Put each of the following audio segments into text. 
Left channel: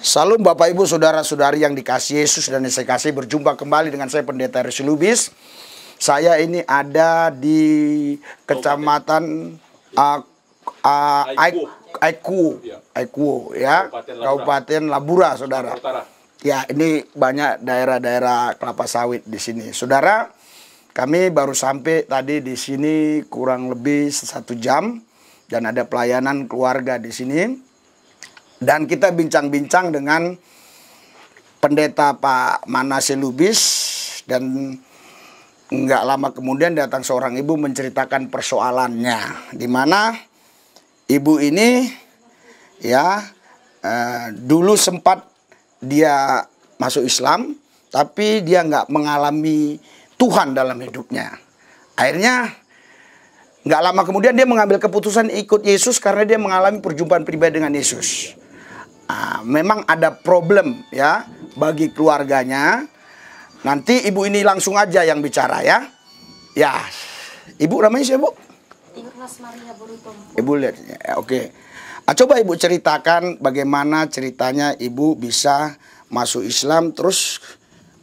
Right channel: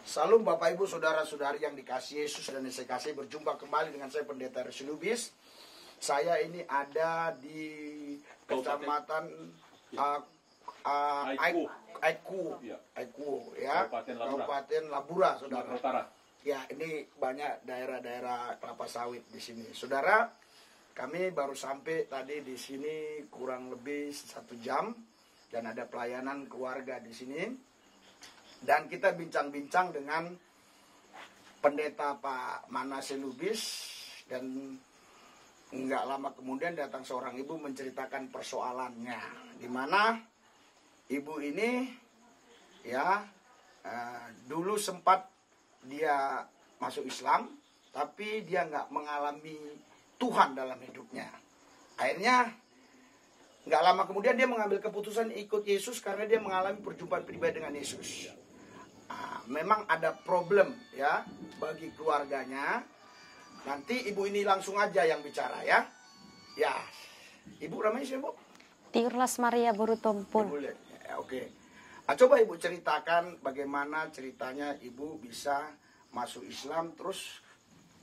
Salam Bapak Ibu Saudara-saudari yang dikasihi Yesus dan saya kasih, berjumpa kembali dengan saya Pendeta Resi Lubis. Saya ini ada di Kecamatan Aiku ya, Kabupaten Labura, Saudara. Ya, ini banyak daerah-daerah kelapa sawit di sini. Saudara, kami baru sampai tadi di sini kurang lebih 1 jam dan ada pelayanan keluarga di sini. Dan kita bincang-bincang dengan pendeta Pak Manase Lubis, dan nggak lama kemudian datang seorang ibu menceritakan persoalannya, di mana ibu ini ya dulu sempat dia masuk Islam, tapi dia nggak mengalami Tuhan dalam hidupnya. Akhirnya nggak lama kemudian dia mengambil keputusan ikut Yesus karena dia mengalami perjumpaan pribadi dengan Yesus. Memang ada problem ya bagi keluarganya. Nanti ibu ini langsung aja yang bicara ya. Ya, ibu namanya siapa, Bu? Tiurlas Maria Borutompu. Ibu lihat ya, oke. Coba ibu ceritakan bagaimana ceritanya ibu bisa masuk Islam terus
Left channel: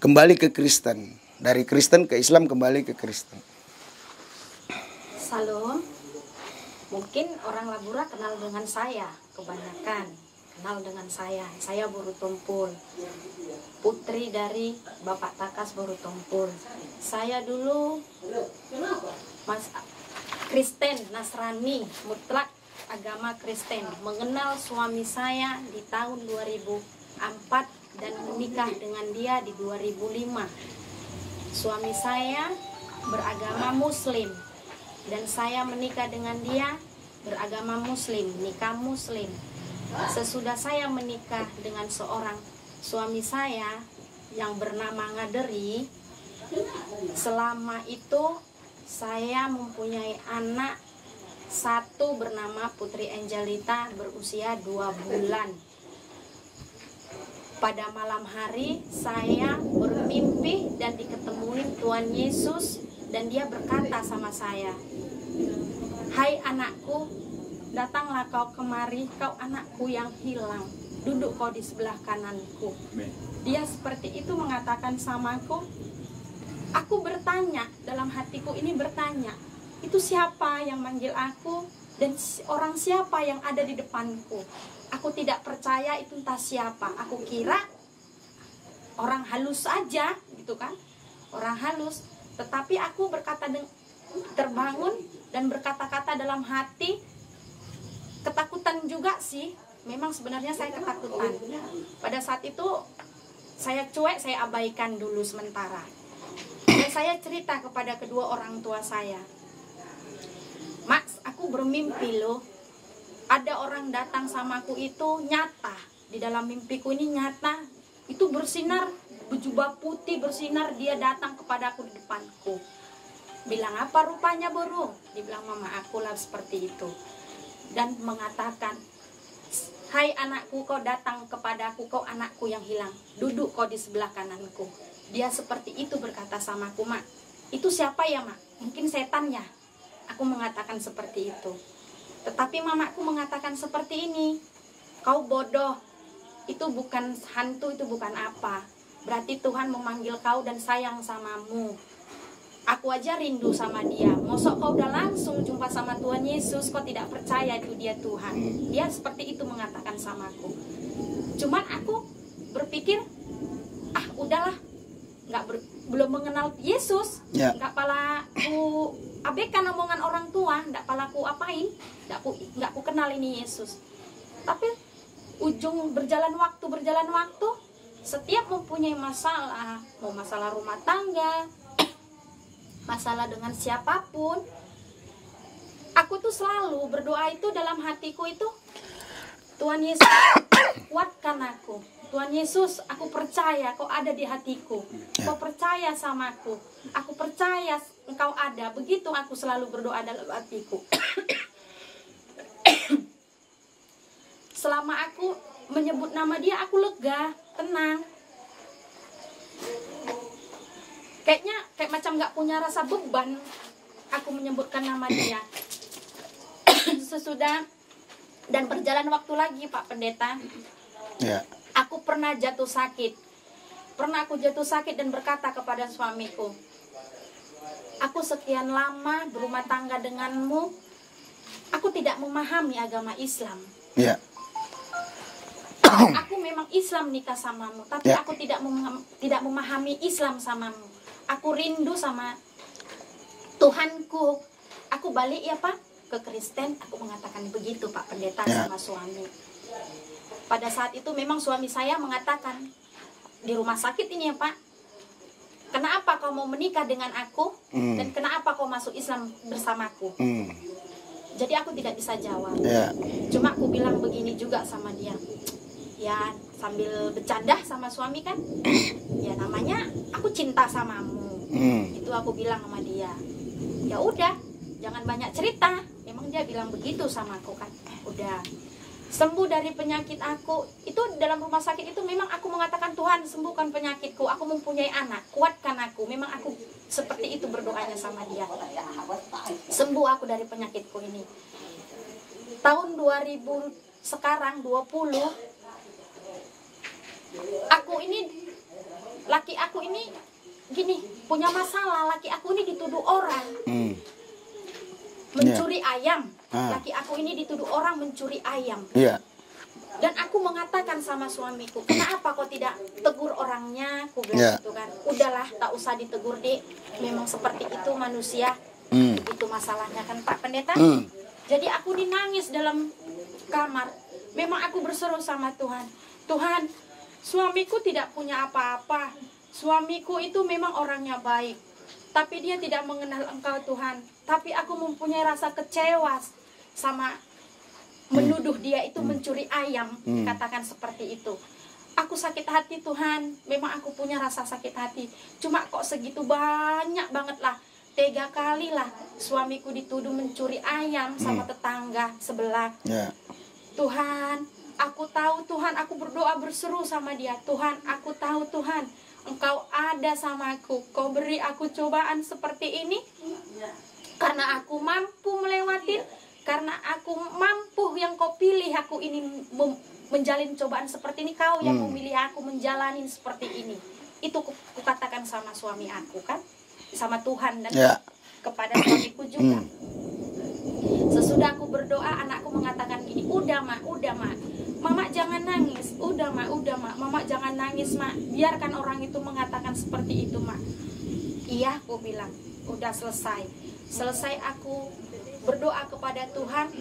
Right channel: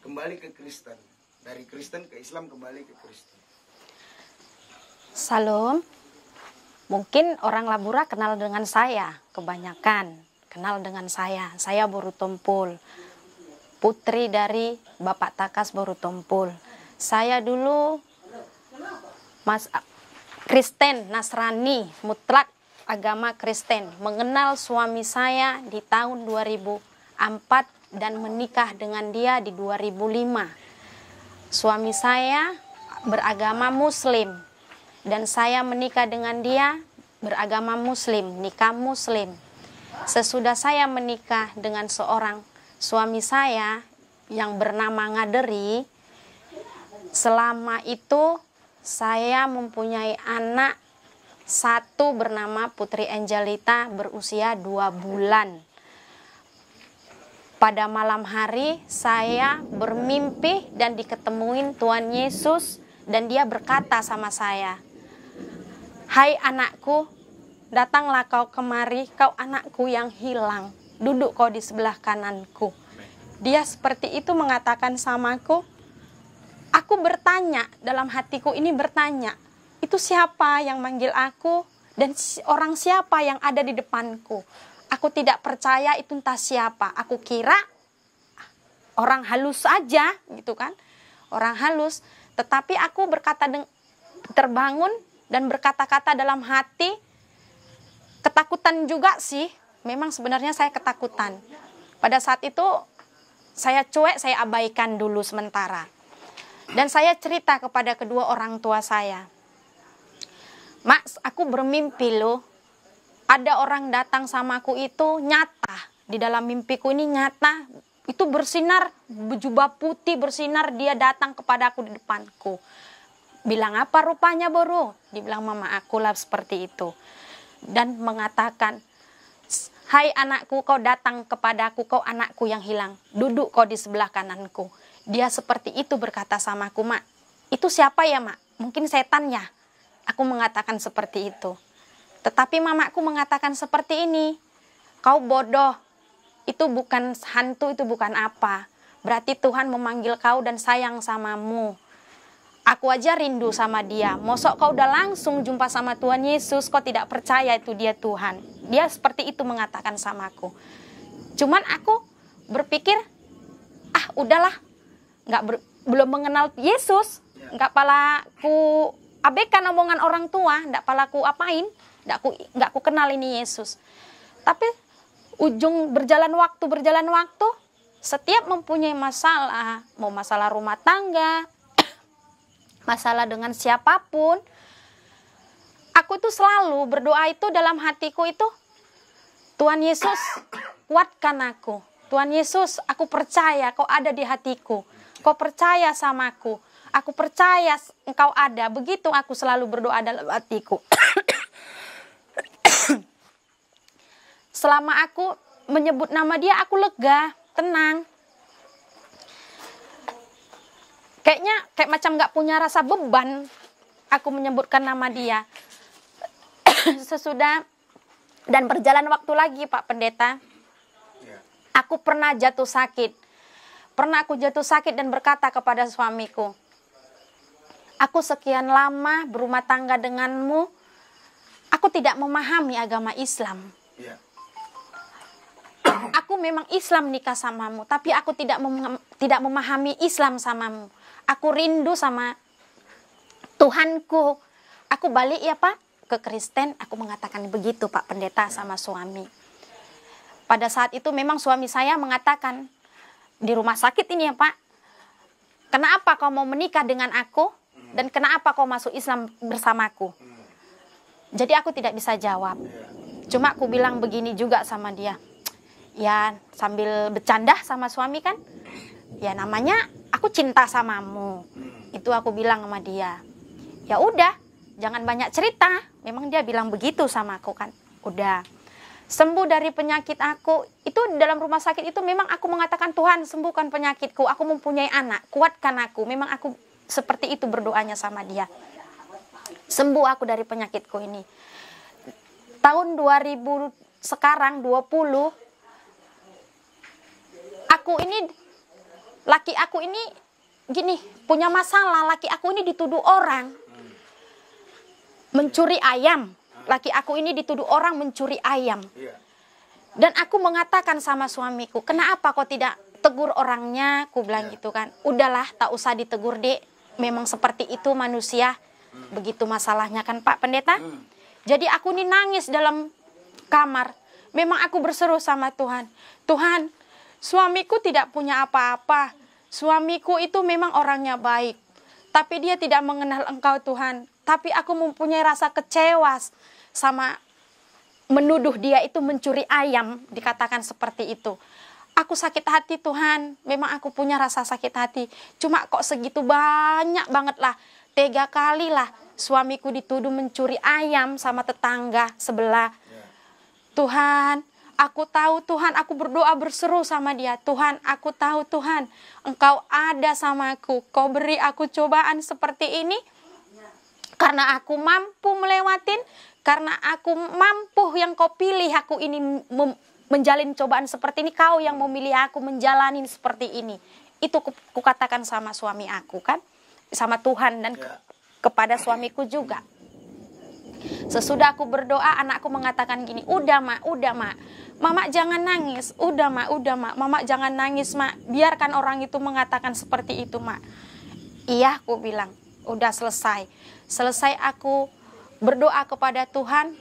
kembali ke Kristen. Dari Kristen ke Islam kembali ke Kristen. Salam. Mungkin orang Labura kenal dengan saya, kebanyakan kenal dengan saya. Saya Borutompul, putri dari Bapak Takas Borutompul. Saya dulu Kristen, Nasrani, mutlak agama Kristen. Mengenal suami saya di tahun 2004 dan menikah dengan dia di 2005. Suami saya beragama Muslim dan saya menikah dengan dia beragama Muslim, nikah Muslim. Sesudah saya menikah dengan seorang suami saya yang bernama Ngaderi, selama itu saya mempunyai anak satu bernama Putri Angelita berusia 2 bulan. Pada malam hari saya bermimpi dan diketemuin Tuhan Yesus, dan dia berkata sama saya, "Hai anakku, datanglah kau kemari, kau anakku yang hilang. Duduk kau di sebelah kananku." Dia seperti itu mengatakan samaku. Aku bertanya, dalam hatiku ini bertanya, itu siapa yang manggil aku? Dan orang siapa yang ada di depanku? Aku tidak percaya itu entah siapa. Aku kira orang halus saja gitu kan. Orang halus. Tetapi aku berkata, terbangun dan berkata-kata dalam hati, ketakutan juga sih. Memang sebenarnya saya ketakutan. Pada saat itu saya cuek, saya abaikan dulu sementara. Dan saya cerita kepada kedua orang tua saya, "Mas, aku bermimpi loh. Ada orang datang sama aku itu nyata. Di dalam mimpiku ini nyata. Itu bersinar, berjubah putih bersinar, dia datang kepada aku di depanku." Bilang, "Apa rupanya, Boru?" Dibilang mama aku lah seperti itu. Dan mengatakan, "Hai anakku, kau datang kepadaku, kau anakku yang hilang. Duduk kau di sebelah kananku." Dia seperti itu berkata sama aku, "Mak, itu siapa ya, Mak? Mungkin setan ya?" Aku mengatakan seperti itu. Tetapi mamaku mengatakan seperti ini, "Kau bodoh, itu bukan hantu, itu bukan apa. Berarti Tuhan memanggil kau dan sayang samamu. Aku aja rindu sama dia. Mosok kau udah langsung jumpa sama Tuhan Yesus, kau tidak percaya itu dia Tuhan." Dia seperti itu mengatakan sama aku. Cuman aku berpikir, udahlah, belum mengenal Yesus, nggak palaku abaikan omongan orang tua, nggak palaku apain, nggak ku kenal ini Yesus. Tapi ujung berjalan waktu, setiap mempunyai masalah, mau masalah rumah tangga, masalah dengan siapapun, aku tuh selalu berdoa itu dalam hatiku itu, "Tuhan Yesus, kuatkan aku. Tuhan Yesus, aku percaya kau ada di hatiku. Kau percaya samaku. Aku percaya engkau ada." Begitu aku selalu berdoa dalam hatiku. Selama aku menyebut nama dia, aku lega, tenang. Kayak macam gak punya rasa beban aku menyebutkan nama dia. Sesudah dan berjalan waktu lagi, Pak Pendeta, Aku pernah jatuh sakit. Pernah aku jatuh sakit dan berkata kepada suamiku, aku sekian lama berumah tangga denganmu, aku tidak memahami agama Islam. Ya. Aku memang Islam nikah samamu, tapi Ya. aku tidak memahami Islam samamu. Aku rindu sama Tuhanku. Aku balik ya Pak ke Kristen. Aku mengatakan begitu Pak Pendeta sama suami. Pada saat itu memang suami saya mengatakan, di rumah sakit ini ya Pak, kenapa kau mau menikah dengan aku dan kenapa kau masuk Islam bersamaku? Jadi aku tidak bisa jawab. Cuma aku bilang begini juga sama dia. Ya sambil bercanda sama suami kan. Ya namanya aku cinta samamu. Itu aku bilang sama dia. Ya udah, jangan banyak cerita. Memang dia bilang begitu sama aku kan. Udah. Sembuh dari penyakit aku. Itu dalam rumah sakit itu memang aku mengatakan, Tuhan sembuhkan penyakitku. Aku mempunyai anak, kuatkan aku. Memang aku seperti itu berdoanya sama dia. Sembuh aku dari penyakitku ini. Tahun 2000 sekarang 20, laki aku ini gini, punya masalah. Laki aku ini dituduh orang mencuri ayam. Laki aku ini dituduh orang mencuri ayam. Dan aku mengatakan sama suamiku, kenapa kau tidak tegur orangnya? Aku bilang gitu kan. Udahlah, tak usah ditegur, Dek. Memang seperti itu manusia. Begitu masalahnya kan Pak Pendeta. Jadi aku ini nangis dalam kamar. Memang aku berseru sama Tuhan. Tuhan, suamiku tidak punya apa-apa. Suamiku itu memang orangnya baik. Tapi dia tidak mengenal Engkau Tuhan. Tapi aku mempunyai rasa kecewa sama menuduh dia itu mencuri ayam. Dikatakan seperti itu. Aku sakit hati Tuhan. Memang aku punya rasa sakit hati. Cuma kok segitu banyak banget lah. 3 kali lah suamiku dituduh mencuri ayam sama tetangga sebelah. Tuhan, aku tahu Tuhan, aku berdoa berseru sama dia. Tuhan, aku tahu Tuhan, Engkau ada sama aku. Kau beri aku cobaan seperti ini karena aku mampu melewatin, karena aku mampu yang kau pilih aku ini menjalin cobaan seperti ini. Kau yang memilih aku menjalani seperti ini. Itu kukatakan sama suami aku kan, sama Tuhan dan kepada suamiku juga. Sesudah aku berdoa, anakku mengatakan gini, udah mak, Mama jangan nangis, udah mak, Mama jangan nangis mak, biarkan orang itu mengatakan seperti itu mak. Iya, aku bilang, udah selesai aku berdoa kepada Tuhan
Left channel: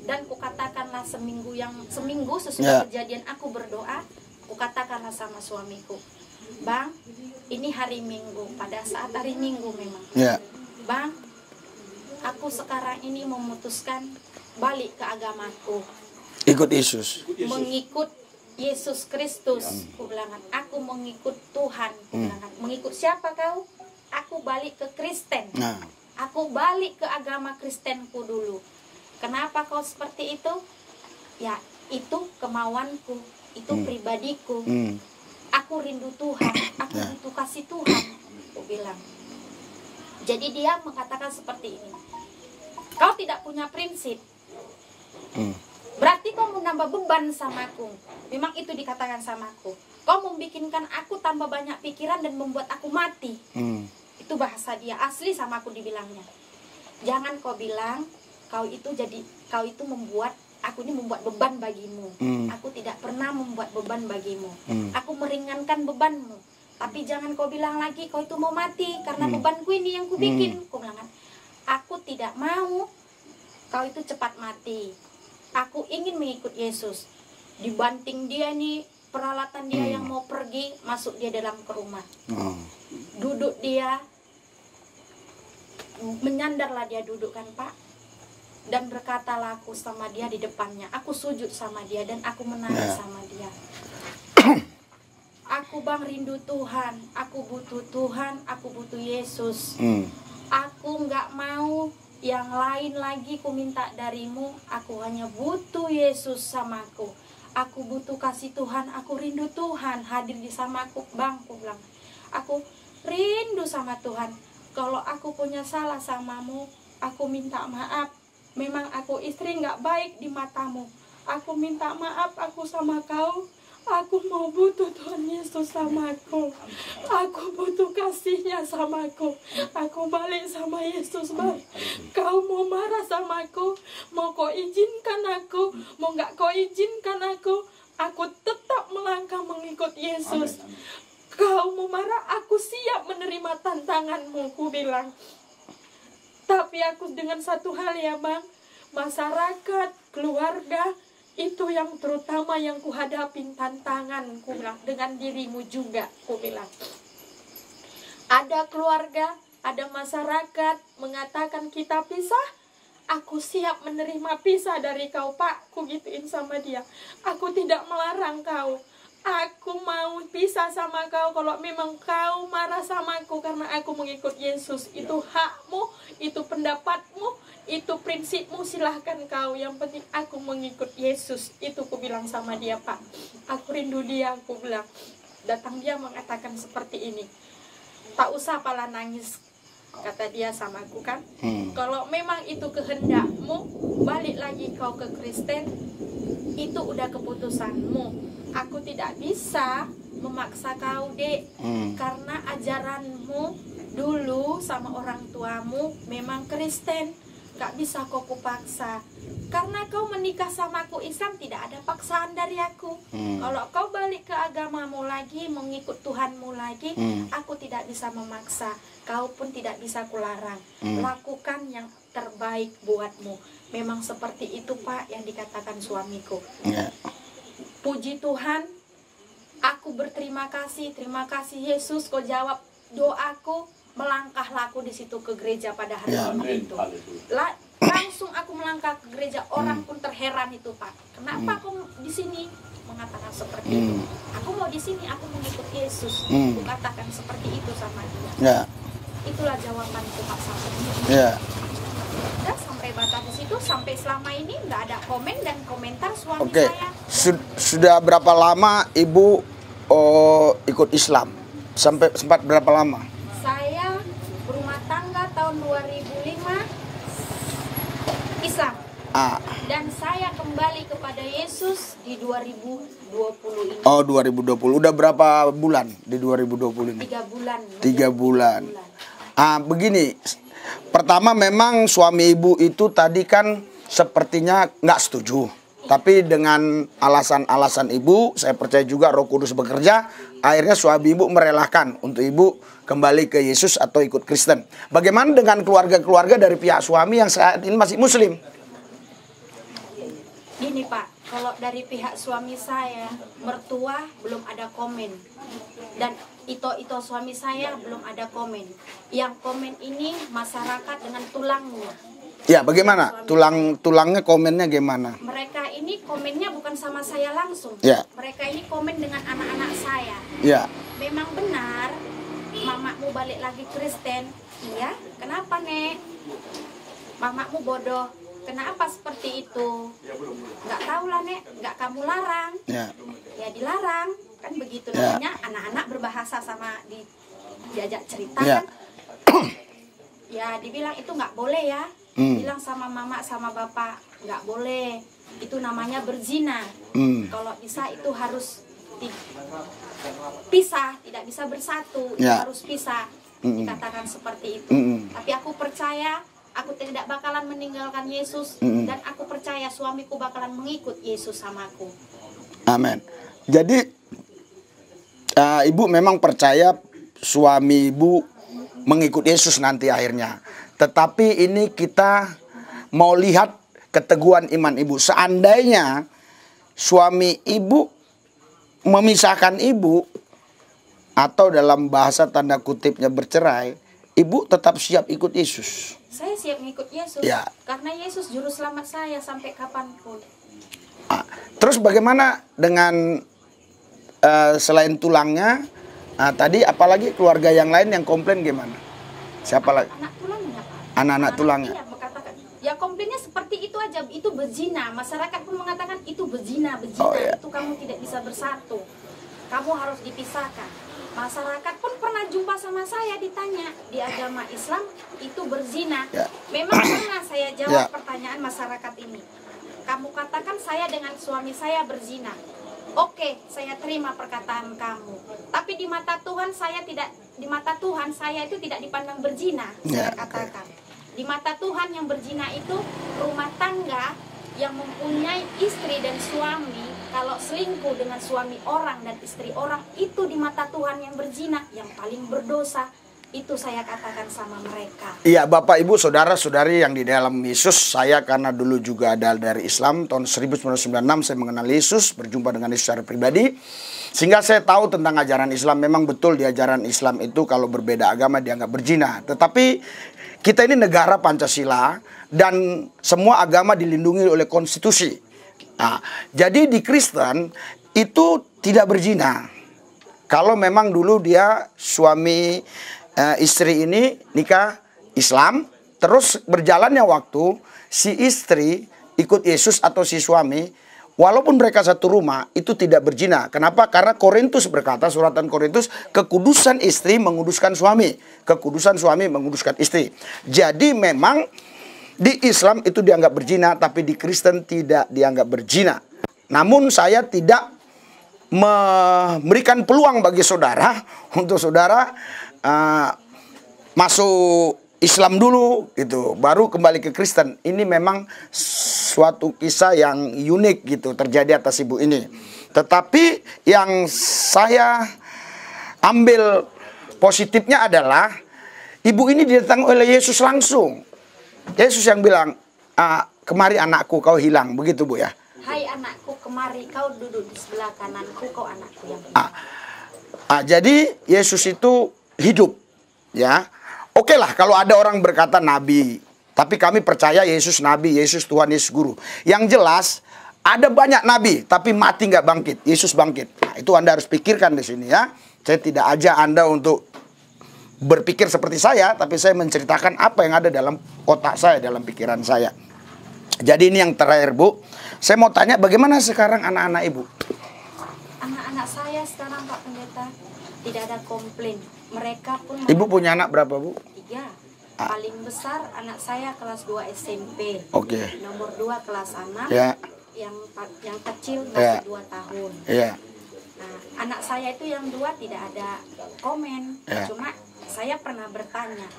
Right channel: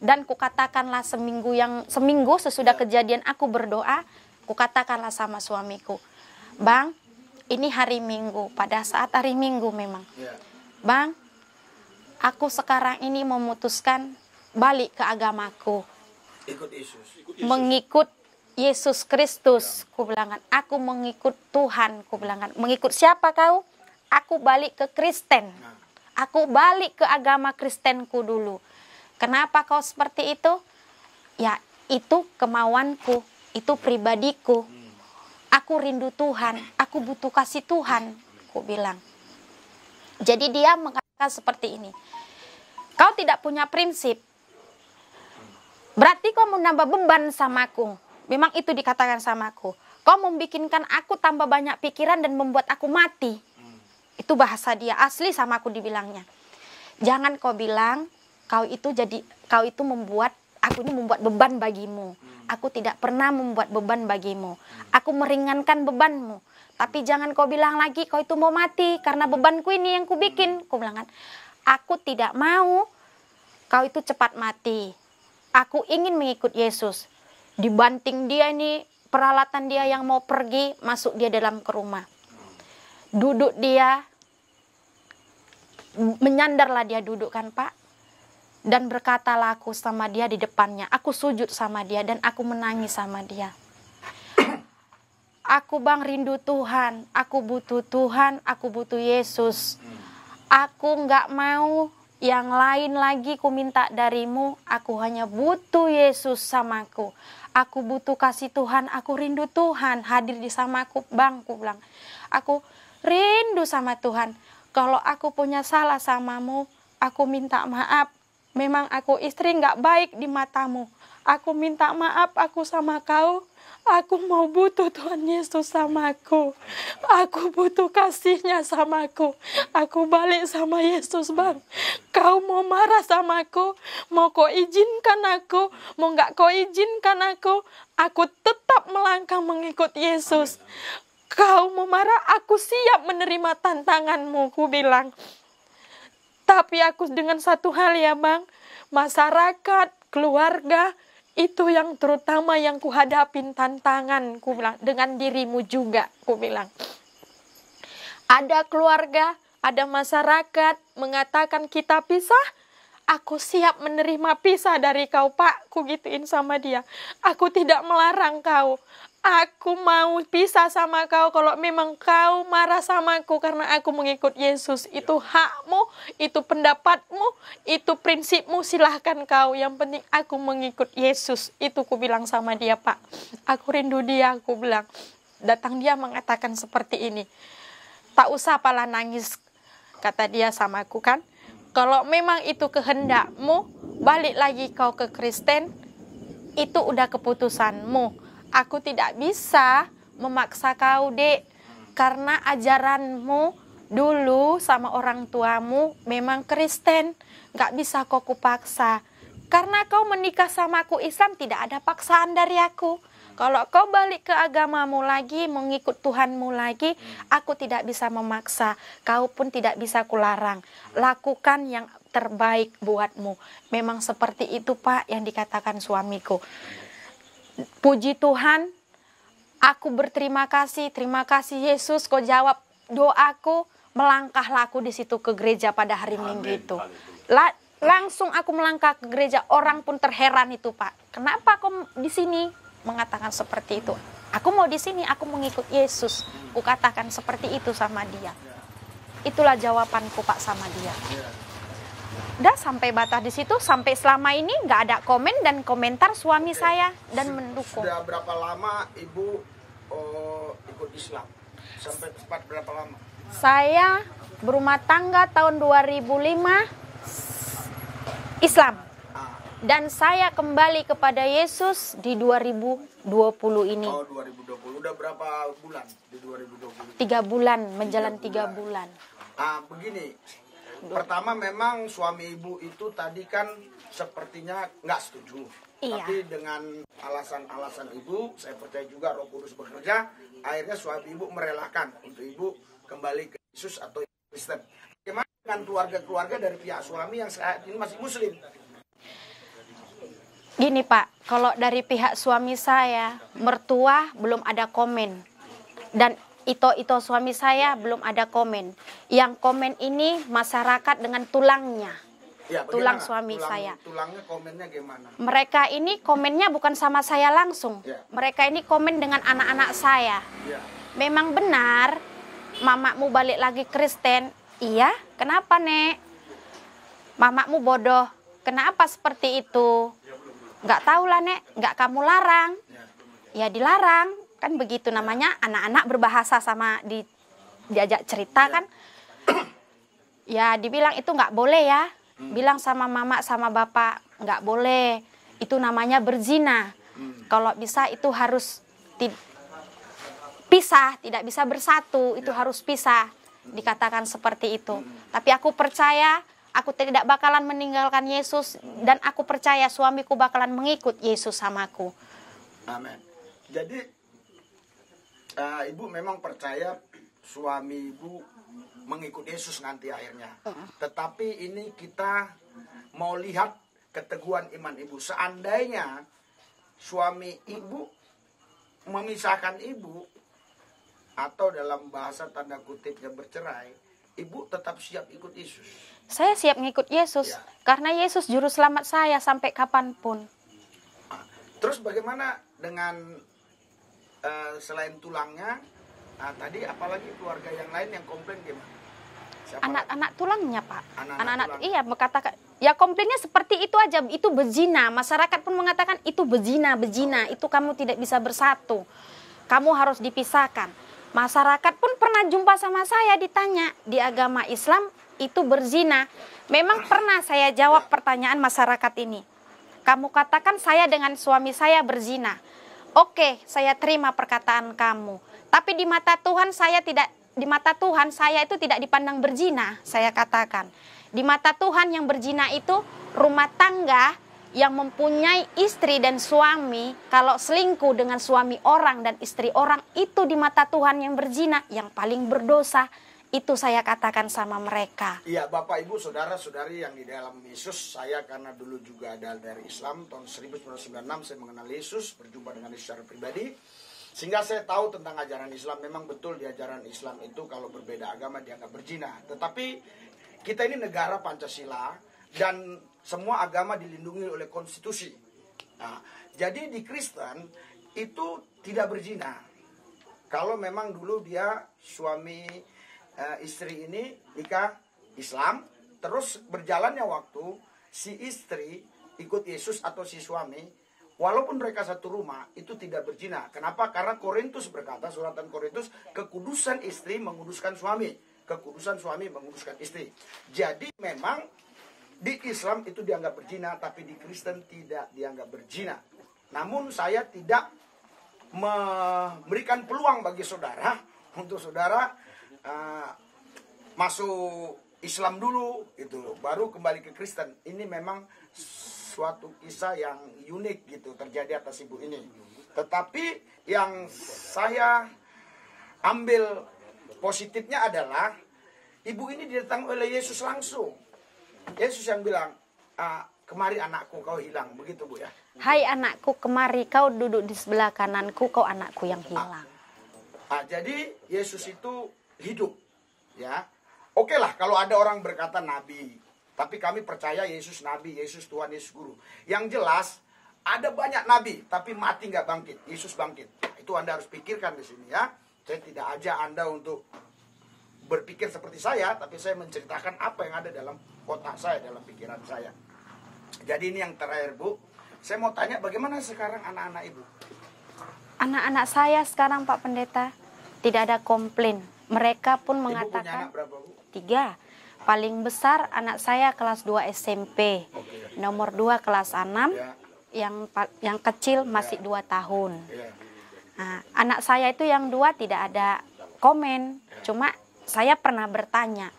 dan kukatakanlah seminggu sesudah kejadian aku berdoa, kukatakanlah sama suamiku, Bang, ini hari Minggu, pada saat hari Minggu memang, Bang, aku sekarang ini memutuskan balik ke agamaku. Ikut Yesus. Mengikut Yesus Kristus. Ku bilang, aku mengikut Tuhan. Ku bilang, mengikut siapa kau? Aku balik ke Kristen. Aku balik ke agama Kristenku dulu. Kenapa kau seperti itu? Ya, itu kemauanku. Itu pribadiku. Aku rindu Tuhan. Aku butuh kasih Tuhan. Ku bilang. Jadi dia mengatakan seperti ini. Kau tidak punya prinsip. Berarti kau mau nambah beban sama aku. Memang itu dikatakan sama aku. Kau membikinkan aku tambah banyak pikiran dan membuat aku mati. Itu bahasa dia, asli sama aku dibilangnya. Jangan kau bilang kau itu membuat aku ini membuat beban bagimu. Aku tidak pernah membuat beban bagimu. Aku meringankan bebanmu. Tapi jangan kau bilang lagi kau itu mau mati karena bebanku ini yang ku bikin. Ku bilang kan, aku tidak mau kau itu cepat mati. Aku ingin mengikut Yesus. Dibanting dia ini, peralatan dia yang mau pergi, masuk dia dalam ke rumah. Duduk dia, menyandarlah dia duduk kan Pak. Dan berkatalah aku sama dia di depannya. Aku sujud sama dia dan aku menangis sama dia. Aku Bang rindu Tuhan, aku butuh Tuhan, aku butuh Yesus. Aku nggak mau yang lain lagi ku minta darimu, aku hanya butuh Yesus sama aku. Aku butuh kasih Tuhan, aku rindu Tuhan hadir di sama aku. Bang, aku bilang, aku rindu sama Tuhan. Kalau aku punya salah samamu, aku minta maaf. Memang aku istri nggak baik di matamu. Aku minta maaf aku sama kau. Aku mau butuh Tuhan Yesus sama aku. Aku butuh kasih-Nya sama aku. Aku balik sama Yesus, Bang. Kau mau marah sama aku, mau kau izinkan aku, mau nggak kau izinkan aku tetap melangkah mengikut Yesus. Kau mau marah, aku siap menerima tantanganmu, ku bilang. Tapi aku dengan satu hal ya, Bang, masyarakat, keluarga, itu yang terutama yang kuhadapin tantangan, ku bilang, dengan dirimu juga, ku bilang. Ada keluarga, ada masyarakat mengatakan kita pisah, aku siap menerima pisah dari kau, Pak, ku gituin sama dia. Aku tidak melarang kau. Aku mau pisah sama kau kalau memang kau marah sama aku karena aku mengikut Yesus. Itu hakmu, itu pendapatmu, itu prinsipmu, silahkan kau. Yang penting aku mengikut Yesus. Itu ku bilang sama dia, Pak. Aku rindu dia, aku bilang. Datang dia mengatakan seperti ini. Tak usah pala nangis, kata dia sama aku kan. Kalau memang itu kehendakmu, balik lagi kau ke Kristen, itu udah keputusanmu. Aku tidak bisa memaksa kau, Dek. Karena ajaranmu dulu sama orang tuamu memang Kristen. Gak bisa kau kupaksa. Karena kau menikah sama aku Islam, tidak ada paksaan dari aku. Kalau kau balik ke agamamu lagi, mengikut Tuhanmu lagi, aku tidak bisa memaksa. Kau pun tidak bisa kularang. Lakukan yang terbaik buatmu. Memang seperti itu, Pak, yang dikatakan suamiku. Puji Tuhan, aku berterima kasih. Terima kasih Yesus, kau jawab doaku. Melangkahlah aku di situ ke gereja pada hari Minggu itu. Langsung aku melangkah ke gereja. Orang pun terheran itu, Pak. Kenapa kau di sini? Mengatakan seperti itu. Aku mau di sini, aku mengikut Yesus. Aku katakan seperti itu sama dia. Itulah jawabanku, Pak, sama dia. Udah sampai batas di situ, sampai selama ini nggak ada komen dan komentar suami saya. Dan sudah berapa lama Ibu ikut Islam? Sempat berapa lama? Saya berumah tangga tahun 2005 Islam. Dan saya kembali kepada Yesus di 2020 ini. Oh, 2020. Udah berapa bulan di 2020 ini? 3 bulan. 3 bulan. Begini. Pertama memang suami Ibu itu tadi kan sepertinya nggak setuju. Tapi dengan alasan-alasan Ibu, saya percaya juga Roh Kudus bekerja. Akhirnya suami Ibu merelakan untuk Ibu kembali ke Yesus atau ikut Kristen. Bagaimana dengan keluarga-keluarga dari pihak suami yang saat ini masih Muslim? Gini, Pak, kalau dari pihak suami saya, mertua belum ada komen. Dan itu suami saya belum ada komen. Yang komen ini masyarakat dengan tulangnya. Ya, bagaimana? Tulangnya komennya gimana? Mereka ini komennya bukan sama saya langsung. Mereka ini komen dengan anak-anak saya. Memang benar, mamakmu balik lagi Kristen. Iya, kenapa, Nek? Mamakmu bodoh. Kenapa seperti itu? Nggak tahu lah, Nek. Nggak kamu larang. Ya dilarang. Kan begitu namanya, anak-anak berbahasa sama diajak cerita kan. Ya dibilang itu nggak boleh ya. Bilang sama mama sama bapak, nggak boleh. Itu namanya berzina. Kalau bisa itu harus pisah, tidak bisa bersatu. Itu harus pisah. Dikatakan seperti itu. Tapi aku percaya, aku tidak bakalan meninggalkan Yesus. Dan aku percaya suamiku bakalan mengikut Yesus sama aku. Amin. Jadi Ibu memang percaya suami Ibu mengikut Yesus nanti akhirnya. Tetapi ini kita mau lihat keteguhan iman Ibu. Seandainya suami Ibu memisahkan Ibu atau dalam bahasa tanda kutipnya bercerai, Ibu tetap siap ikut Yesus. Saya siap ngikut Yesus. Karena Yesus juru selamat saya sampai kapanpun. Terus bagaimana dengan selain tulangnya, tadi apalagi keluarga yang lain yang komplain gimana? Siapa lagi? Anak tulangnya, Pak. Anak-anak tulangnya. Iya, berkatakan. Ya komplainnya seperti itu aja. Itu berzina. Masyarakat pun mengatakan itu berzina. Itu kamu tidak bisa bersatu. Kamu harus dipisahkan. Masyarakat pun pernah jumpa sama saya ditanya di agama Islam itu berzina. Memang pernah saya jawab pertanyaan masyarakat ini. Kamu katakan saya dengan suami saya berzina. Oke, saya terima perkataan kamu. Tapi di mata Tuhan saya itu tidak dipandang berzina, saya katakan. Di mata Tuhan yang berzina itu rumah tangga yang mempunyai istri dan suami, kalau selingkuh dengan suami orang dan istri orang, itu di mata Tuhan yang berzina, yang paling berdosa. Itu saya katakan sama mereka. Iya, Bapak, Ibu, saudara-saudari yang di dalam Yesus, saya karena dulu juga ada dari Islam, tahun 1996 saya mengenal Yesus, berjumpa dengan Yesus secara pribadi. Sehingga saya tahu tentang ajaran Islam. Memang betul di ajaran Islam itu kalau berbeda agama dianggap berzina. Tetapi kita ini negara Pancasila dan semua agama dilindungi oleh konstitusi. Nah, jadi di Kristen itu tidak berzina. Kalau memang dulu dia suami istri ini nikah Islam, terus berjalannya waktu si istri ikut Yesus atau si suami, walaupun mereka satu rumah, itu tidak berzina. Kenapa? Karena Korintus berkata, suratan Korintus, kekudusan istri menguduskan suami. Kekudusan suami menguduskan istri. Jadi memang di Islam itu dianggap berzina, tapi di Kristen tidak dianggap berzina. Namun saya tidak memberikan peluang bagi saudara, untuk saudara masuk Islam dulu gitu, baru kembali ke Kristen. Ini memang suatu kisah yang unik gitu terjadi atas ibu ini. Tetapi yang saya ambil positifnya adalah ibu ini didatangi oleh Yesus langsung. Yesus yang bilang, kemari anakku, kau hilang. Begitu, Bu, ya. Hai anakku, kemari, kau duduk di sebelah kananku, kau anakku yang hilang. Jadi Yesus itu hidup, ya. Oke lah kalau ada orang berkata nabi, tapi kami percaya Yesus nabi, Yesus Tuhan, Yesus guru. Yang jelas ada banyak nabi, tapi mati nggak bangkit. Yesus bangkit. Nah, itu Anda harus pikirkan di sini, ya. Saya tidak ajak Anda untuk berpikir seperti saya, tapi saya menceritakan apa yang ada dalam otak saya, dalam pikiran saya. Jadi ini yang terakhir, Bu. Saya mau tanya bagaimana sekarang anak-anak Ibu? Anak-anak saya sekarang, Pak Pendeta, tidak ada komplain. Mereka pun Ibu punya anak berapa, Bu? 3. Paling besar anak saya kelas 2 SMP. Oke. Nomor 2 kelas 6. Ya. Yang kecil masih 2 tahun. Iya. Nah, anak saya itu yang 2 tidak ada komen. Ya. Cuma saya pernah bertanya,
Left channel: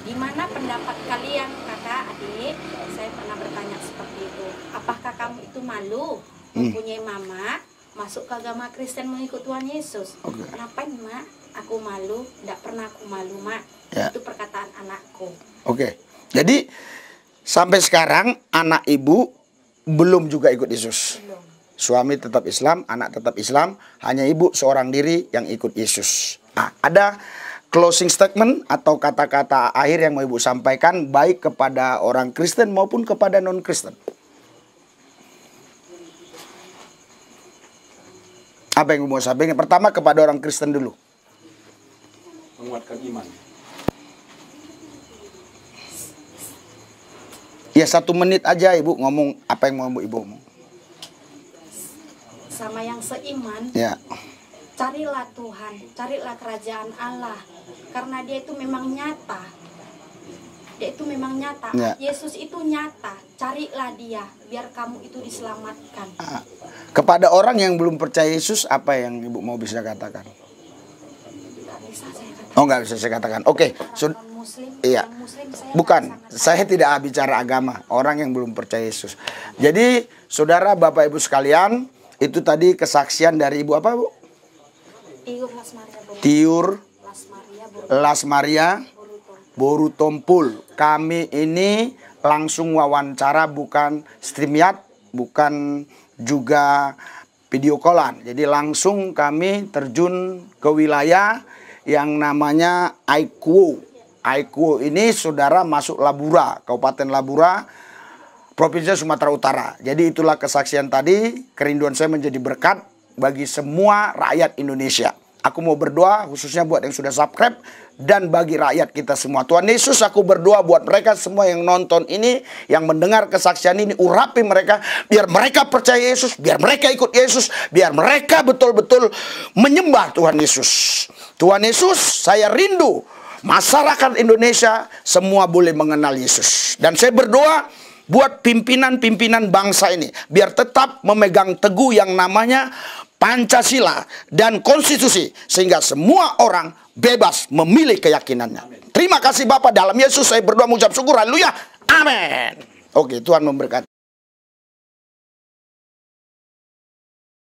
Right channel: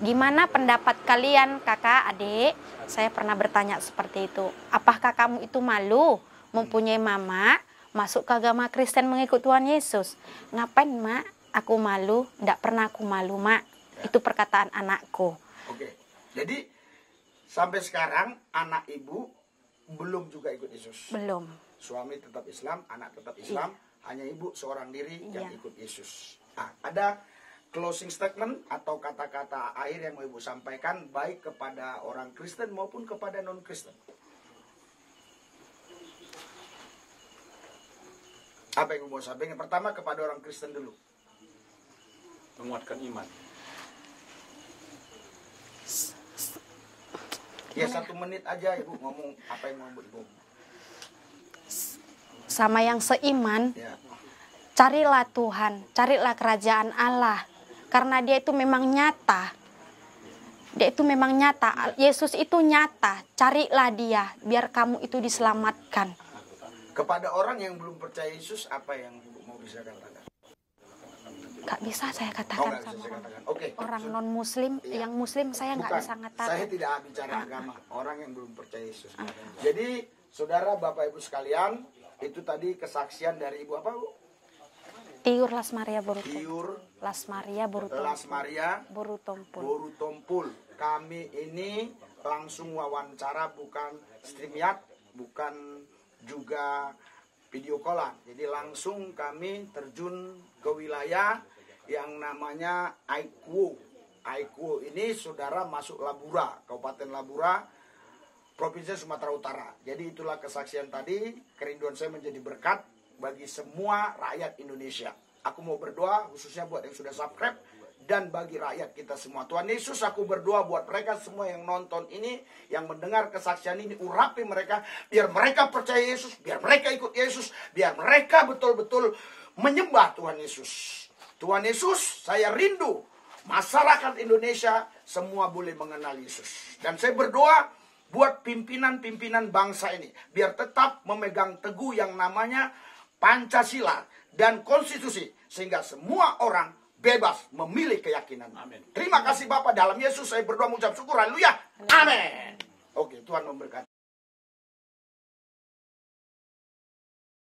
gimana pendapat kalian kakak, adik? Saya pernah bertanya seperti itu. Apakah kamu itu malu mempunyai mama masuk ke agama Kristen mengikut Tuhan Yesus? Okay. Ngapain, Mak? Aku malu, tidak pernah aku malu, Mak. Ya. Itu perkataan anakku. Oke. Jadi sampai sekarang anak Ibu belum juga ikut Yesus. Belum. Suami tetap Islam, anak tetap Islam, hanya Ibu seorang diri yang ikut Yesus. Nah, ada closing statement atau kata-kata akhir yang mau Ibu sampaikan baik kepada orang Kristen maupun kepada non-Kristen. Apa yang Ibu mau sampaikan? Pertama kepada orang Kristen dulu. Menguatkan iman. Ya 1 menit aja Ibu ngomong apa yang mau Ibu ngomong. Sama yang seiman, ya. Carilah Tuhan, carilah kerajaan Allah. Karena dia itu memang nyata. Dia itu memang nyata. Ya. Yesus itu nyata. Carilah dia, biar kamu itu diselamatkan. Kepada orang yang belum percaya Yesus, apa yang Ibu mau bisa katakan? Gak bisa saya katakan. Oh, gak bisa saya katakan. Oke. Orang non-muslim, iya. yang muslim saya bukan, saya tidak bicara agama. Orang yang belum percaya Yesus. Jadi, saudara, Bapak, Ibu sekalian, itu tadi kesaksian dari Ibu apa, Bu? Tiur Las Maria Borutompul. Tiur Las Maria Borutompul. Kami ini langsung wawancara, bukan StreamYard, bukan juga video callan. Jadi langsung kami terjun ke wilayah yang namanya Aikuo. Aikuo ini saudara masuk Labura, Kabupaten Labura, Provinsi Sumatera Utara. Jadi itulah kesaksian tadi, kerinduan saya menjadi berkat bagi semua rakyat Indonesia. Aku mau berdoa khususnya buat yang sudah subscribe dan bagi rakyat kita semua. Tuhan Yesus, aku berdoa buat mereka semua yang nonton ini, yang mendengar kesaksian ini, urapi mereka, biar mereka percaya Yesus, biar mereka ikut Yesus, biar mereka betul-betul menyembah Tuhan Yesus. Tuhan Yesus, saya rindu masyarakat Indonesia semua boleh mengenal Yesus. Dan saya berdoa buat pimpinan-pimpinan bangsa ini, biar tetap memegang teguh yang namanya Pancasila, dan konstitusi, sehingga semua orang bebas memilih keyakinannya. Amin. Terima kasih Bapak, dalam Yesus saya berdoa mengucap syukur. Haleluya. Amin. Oke, Tuhan memberkati.